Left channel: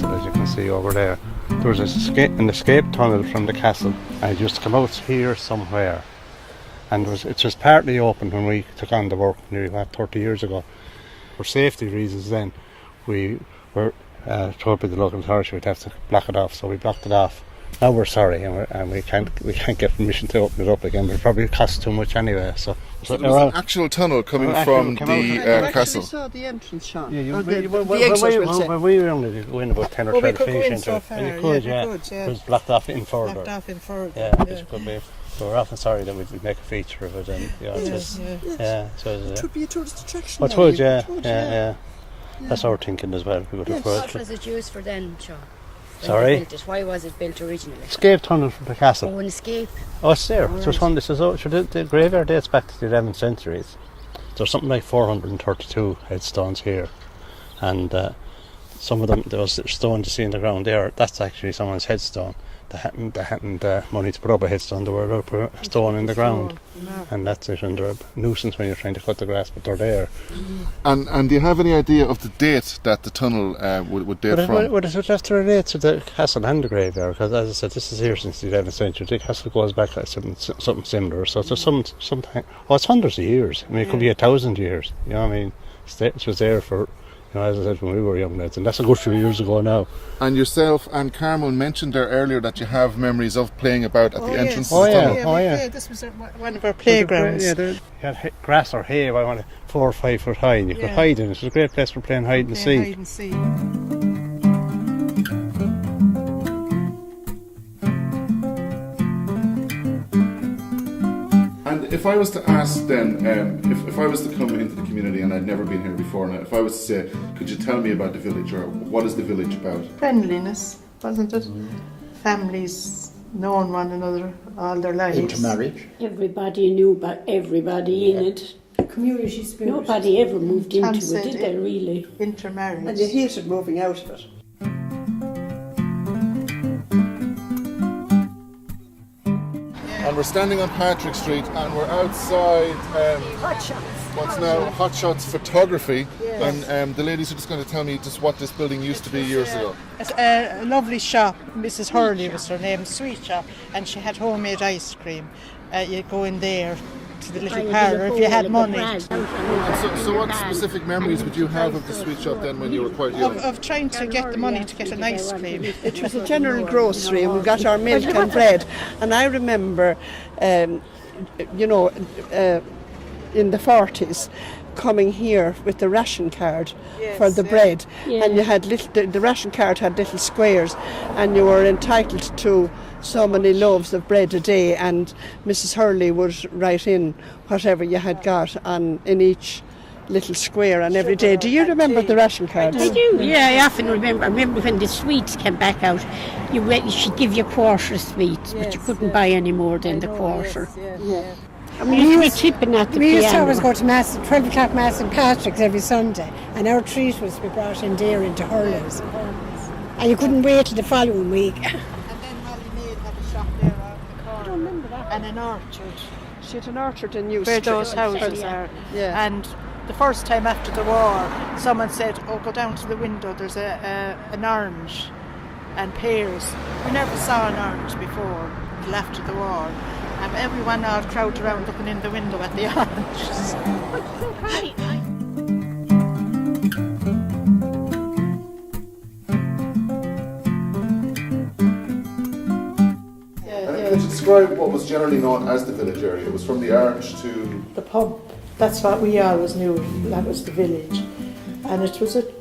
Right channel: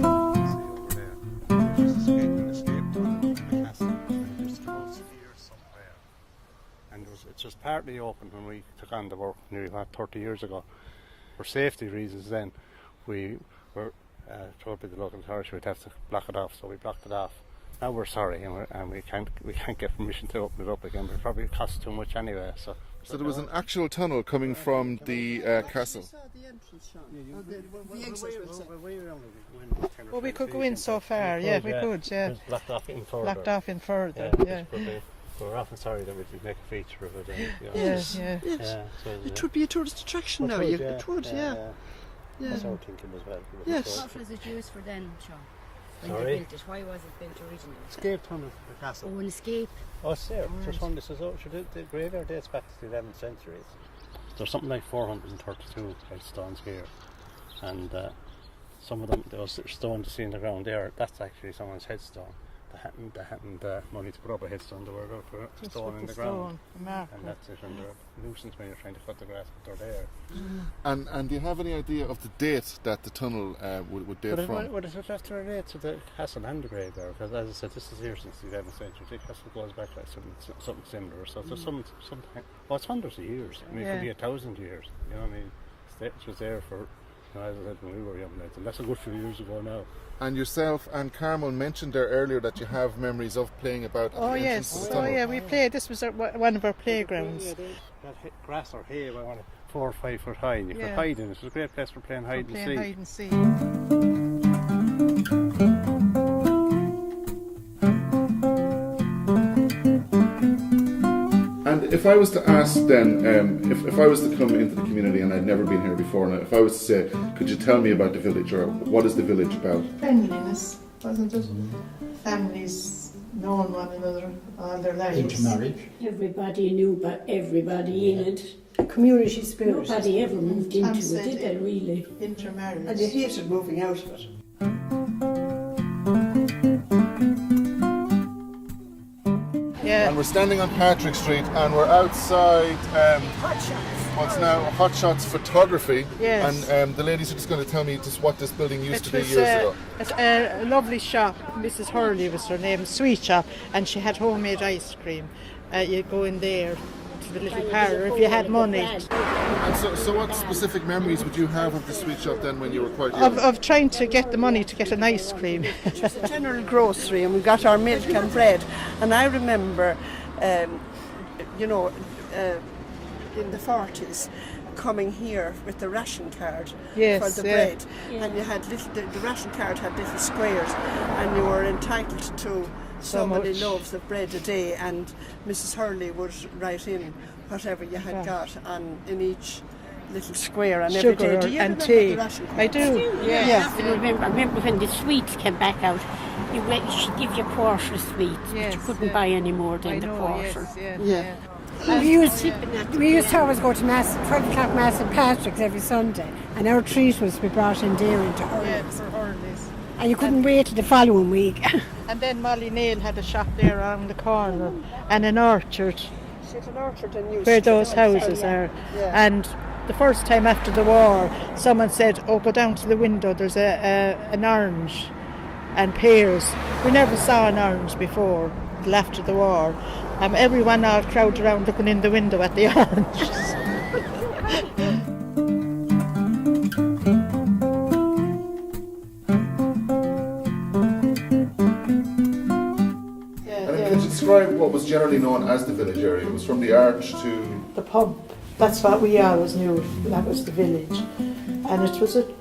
castle, as you can see over there. There was an escape tunnel from the castle, and it used to come out here somewhere. And it was partly open when we took on the work nearly 30 years ago. For safety reasons then, we were told by the local authority we'd have to block it off, so we blocked it off. Now we're sorry, and we can't get permission to open it up again, but it probably costs too much anyway. So there was an actual tunnel coming from the castle. I saw the entrance, Sean. Yeah, the exit, we'll say. We were only going about 10 or 12 feet. We could go in so far. You could, yeah. It was blocked off in further. Blocked off in further. Yeah, which could be. But we're often sorry that we'd make a feature of it, and it would be a tourist attraction. It would, yeah. That's our thinking as well. What was it used for then, Sean? Sorry? Why was it built originally? Escape tunnel from the castle. Oh, an escape. Oh, it's there. Oh, There's one. The graveyard dates back to the 11th century. There's something like 432 headstones here, and some of them, there was stones you see in the ground there. That's actually someone's headstone. They hadn't money to put up a headstone. They were put a stone in the ground, and that's it. And they're a nuisance when you're trying to cut the grass, but they're there. And do you have any idea of the date that the tunnel would date from? Well, it would have to relate to the castle and the graveyard, because as I said, this is here since the 11th century. The castle goes back like something similar. So there's some time. Oh, it's hundreds of years. I mean, it could be 1,000 years. You know what I mean? It was there for, as I said, when we were young lads, and that's a good few years ago now. And yourself and Carmel mentioned there earlier that you have memories of playing about at the entrance to the tunnel. Yeah, this was one of our playgrounds. You had grass or hay, 4 or 5 foot high, and you could hide in it. It was a great place for playing hide and seek. Hide and seek. And if I was to ask then, if I was to come into the community and I'd never been here before, and if I was to say, could you tell me about the village, or what is the village about? Friendliness, wasn't it? Families knowing one another all their lives. Intermarriage. Everybody knew about everybody in it. Community spirit. Nobody ever moved into it, did they really? Intermarriage. And you hated moving out of it. And we're standing on Patrick Street, and we're outside what's now Hot Shots Photography. Yes. And the ladies are just going to tell me just what this building used to be years ago. It's a lovely shop. Mrs. Hurley was her name, sweet shop, and she had homemade ice cream. You go in there to the little parlour if you had money. And so what specific memories would you have of the sweet shop then when you were quite young? Of trying to get the money to get an ice cream. It was a general grocery, and we got our milk and bread. And I remember, in the 40s, coming here with the ration card for the bread. And you had the ration card had little squares, and you were entitled to so many loaves of bread a day, and Mrs. Hurley would write in whatever you had got in each little square on every day. Do you remember the ration cards? I do, I often remember. I remember when the sweets came back out, she'd give you a quarter of sweets, but you couldn't buy any more than the quarter. We used to always go to Mass, 12 o'clock Mass in Patrick's every Sunday, and our treat was to be brought in there into Hurley's. And you couldn't wait till the following week. And then Molly Nail had a shop there around the corner, and an orchard. She had an orchard in New where those houses are. And the first time after the war, someone said, go down to the window, there's an orange and pears. We never saw an orange before, till after the war. And everyone all crowded around looking in the window at the oranges. Could you describe what was generally known as the village area? It was from the arch to the pub. That's what we always knew. That was the village, and it was it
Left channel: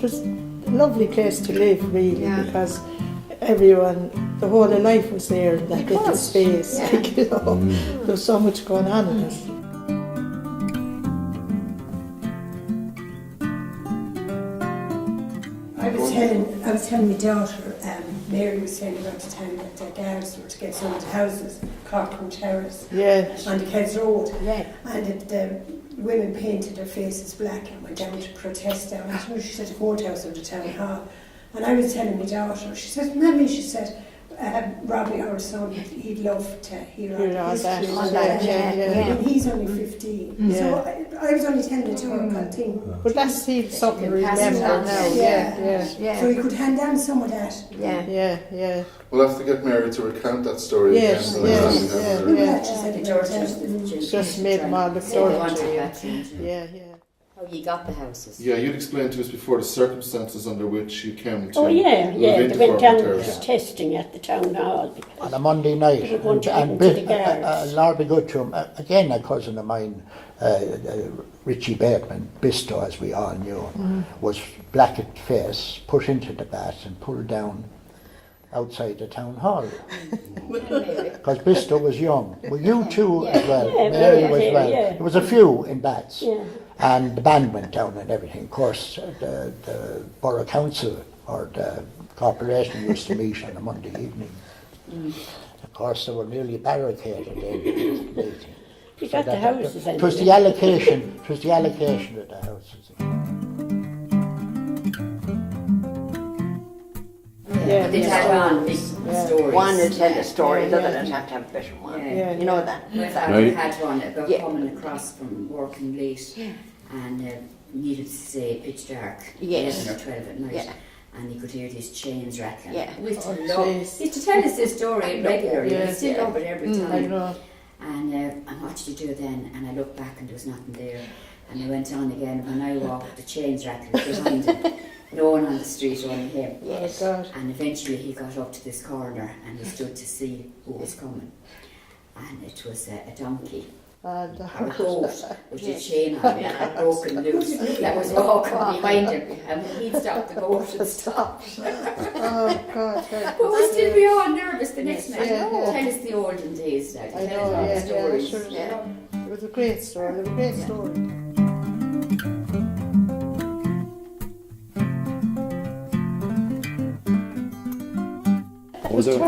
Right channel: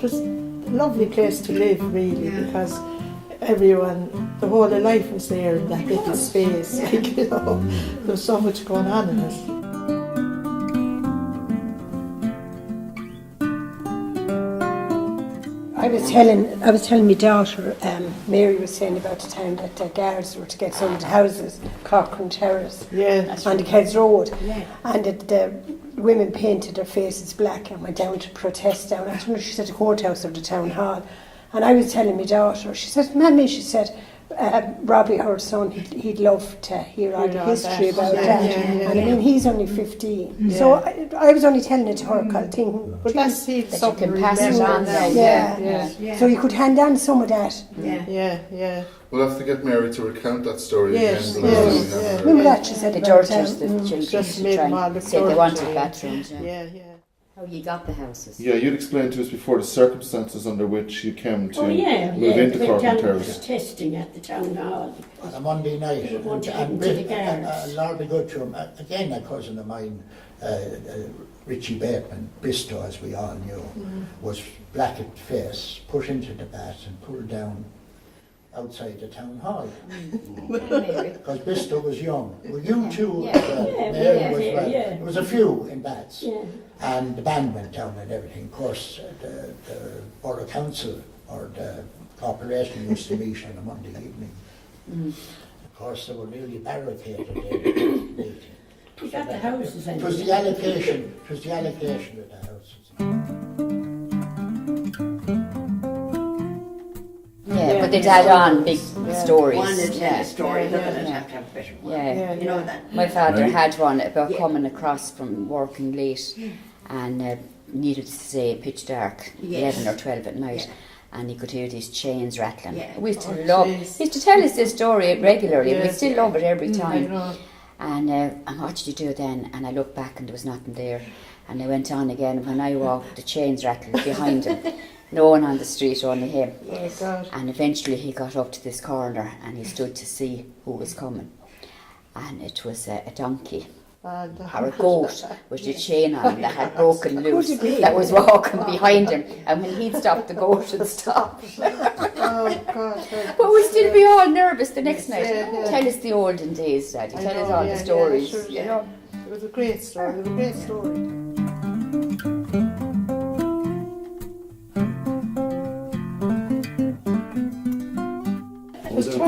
was a lovely place to live, really, because everyone, the whole of life was there in that little space. There was so much going on in it. I was telling my daughter, Mary was saying about the time that the guards were to get some of the houses, Cochrane Terrace, on the Kids Road, and that the women painted their faces black and went down to protest down at, she said, the courthouse of the town hall. And I was telling my daughter, she said, Mammy, she said, Robbie, our son, he'd love to hear all the history about Yeah, that. yeah, yeah. I mean, he's only 15. So I was only telling it to her, kind of thing. But that's something to pass it remember on. now. Yeah. So you could hand on some of that. Yeah. We'll have to get Mary to recount that story Yes, again. The next time we have her. Remember that she said The about, daughters, the GPs, Just made them all look they wanted dirty. that change. Yeah. How you got the houses? Yeah, you'd explained to us before the circumstances under which you came to Oh yeah, live they into went Cork down and for Terrace. testing at the town hall. On a Monday night, They were going to and get into the guards. Lord be good to him. Again, a cousin of mine, Richie Bateman, Bisto, as we all knew, was black at face, put into the bath and pulled down outside the town hall. Because Bisto was young. Well, you too as well. Mary was well. Yeah. There was a few in bats. Yeah. And the band went down and everything. Of course, the Borough Council or the Corporation used to meet on a Monday evening. Of course, they were nearly barricaded in. You got the houses. It was the allocation. It was the allocation of the houses. Yeah, but they'd add on big stories. One would tell a story, Yeah, another yeah. would have to have a better one. Yeah. You know that. My father Right. had one about Yeah. coming across from working late and needed to say pitch dark, Yes. 11 or 12 at night. Yeah. And he could hear these chains rattling. Yeah. We used to Oh, love. jeez. He used to tell us this story regularly. Yeah. We still love it every I time. know. And what did you do then? And I looked back and there was nothing there. And I went on again. When I walked, the chains rattled behind him. No one on the street, only him. Oh, God. And eventually he got up to this corner and he stood to see who was coming. And it was a donkey And or a goat with the chain on that had broken loose that was walking behind him. And when he'd stop, the goat would stop. Oh, God. But we'd still be all nervous the next night. Yeah. Tell us the olden days, Daddy. I Tell know, us all yeah, the stories. sure, It was a great story. It was a great story.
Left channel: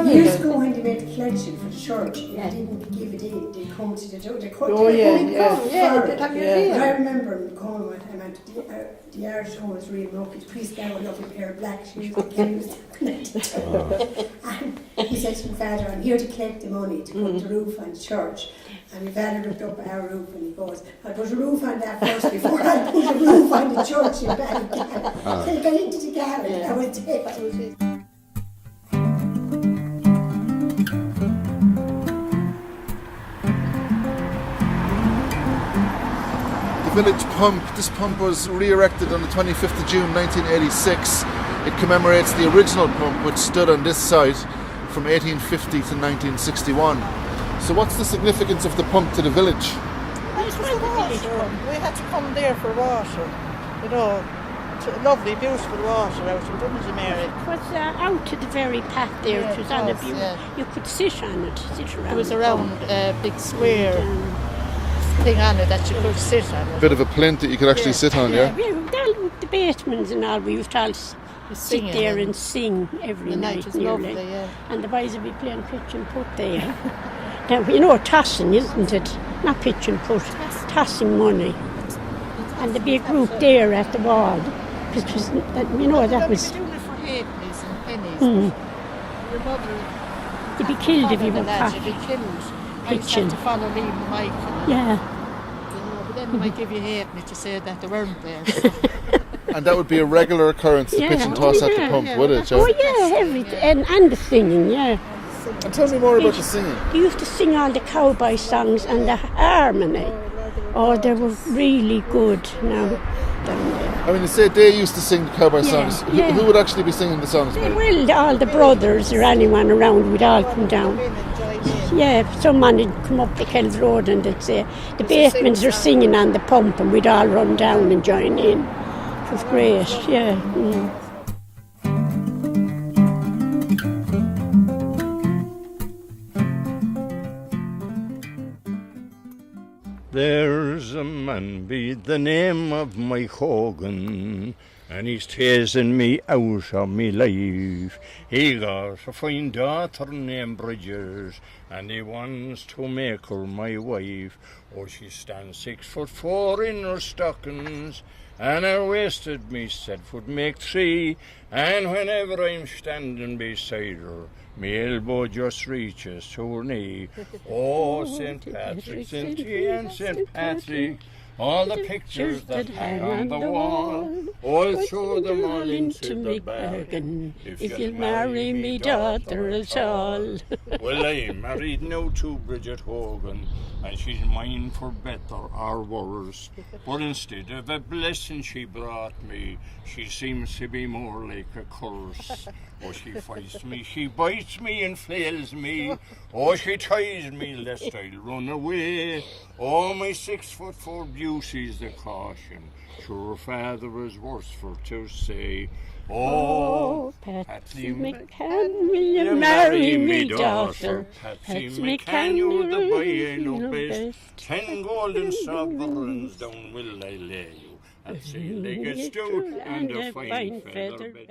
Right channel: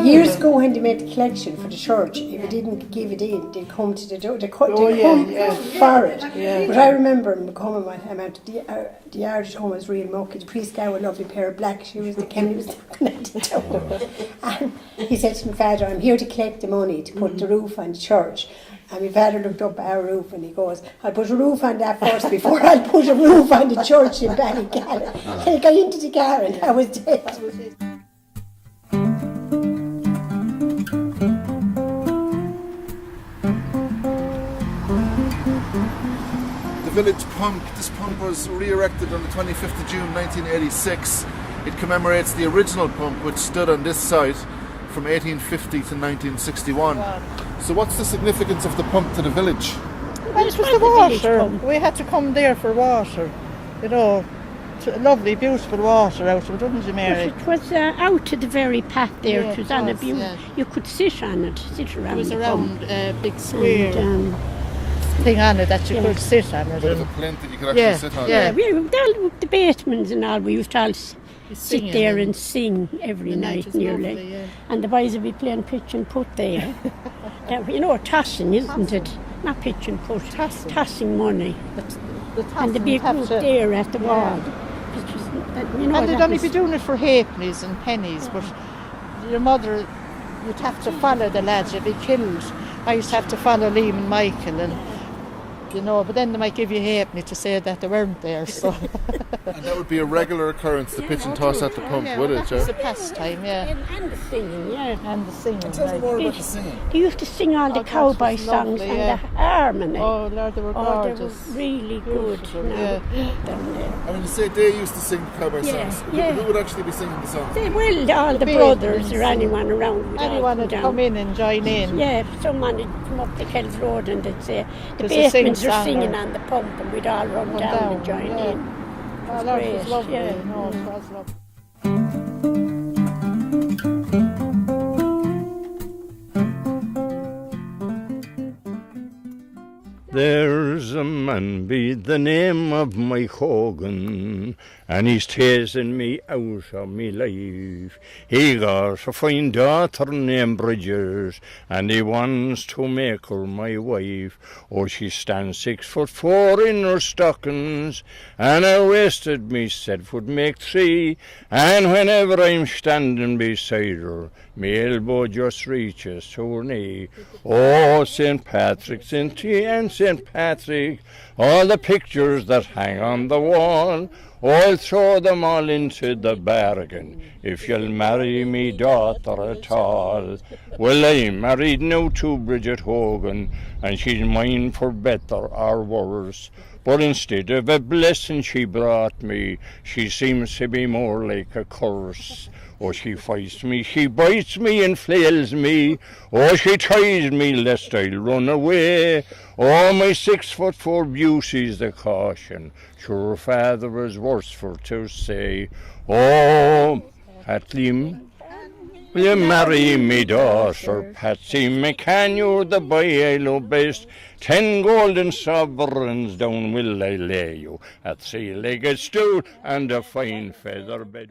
years ago when they made the collection for the church, if you didn't give it in, they'd come to the door, they'd come for it. Yeah. But I remember him coming one time out to the yard at home was real mucky. The priest gave a lovely pair of black shoes that Kenny was looking at the door. And he said to my father, I'm here to collect the money to put the roof on the church. And my father looked up at our roof and he goes, I'll put a roof on that first before I'll put a roof on the church in Ballygallen. And he got into the car and that was it. That was it. The village pump. This pump was re-erected on the 25th of June 1986. It commemorates the original pump which stood on this site from 1850 to 1961. So what's the significance of the pump to the village? Well, it was the water. We had to come there for water. You know, lovely, beautiful water out of it, wasn't it, Mary? It was out to the very path there. Yeah, it was it on a was, view. yeah. You could sit on it, sit around. It was the around pump. a big square And, thing on it that you could sit on it. A bit of a plinth that you could actually Yeah, sit on. yeah. we were down with the Batemans and all. We used to all Singing sit there and sing every the night night was nearly. lovely, yeah. And the boys would be playing pitch and putt there. Now, you know, tossing, isn't it? Not pitch and putt, tossing money. And there'd be a group there at the wall. It was, you know, And they'd that only was... be doing it for halfpennies and pennies, but your mother would be have to killed if follow you the were lads, caught. you'd be killed. I used to have to follow Liam and Michael, and Yeah. you know, but then they might give you halfpenny to say that they weren't there. So. And that would be a regular occurrence, the Yeah. pitch and toss at the Yeah, pump, yeah, would well, it, Oh, Joe? yeah, pastime, everything. yeah. And the singing, yeah. And the singing. Tell me more about the singing. They used to sing all the cowboy was songs lovely, and yeah. the harmony. Oh, Lord, They were gorgeous. really good now down there. I mean, you say they used to sing the cowboy Yeah, songs. yeah. Who would actually be singing the songs? They will, all the brothers or anyone around would all Anyone come would come down. in and join in. Yeah, someone would come up the Kells Road and they'd say, the There's a Batemans are sing-song. singing on the pump, and we'd all run down and join in. It was Oh, great, lovely. yeah. Oh, Mm. it was lovely. There's bosom and be the name of my Hogan, and he's tasting me out of me life. He got a fine daughter named Bridges, and he wants to make her my wife. Oh, she stands 6'4" in her stockings, and her waisted me said would make 3, and whenever I'm standing beside her, me elbow just reaches to her knee. Oh, St. Patrick, St. T and St. Patrick, all the pictures that hang on the wall, oh, I'll throw them all into the bargain if you'll marry me daughter at all. Well, I'm married now to Bridget Hogan, and she's mine for better or worse. But instead of a blessing she brought me, she seems to be more like a curse. Oh, she fights me, she bites me and flails me. Oh, she tries me lest I'll run away. Oh, my 6'4" beauty's the caution. Sure, father was worse for to say. Oh, Patsy, will you marry me daughter? Patsy McCann, you're the boy I love best. 10 golden sovereigns down will I lay you at 3-legged stool and a fine feather bed.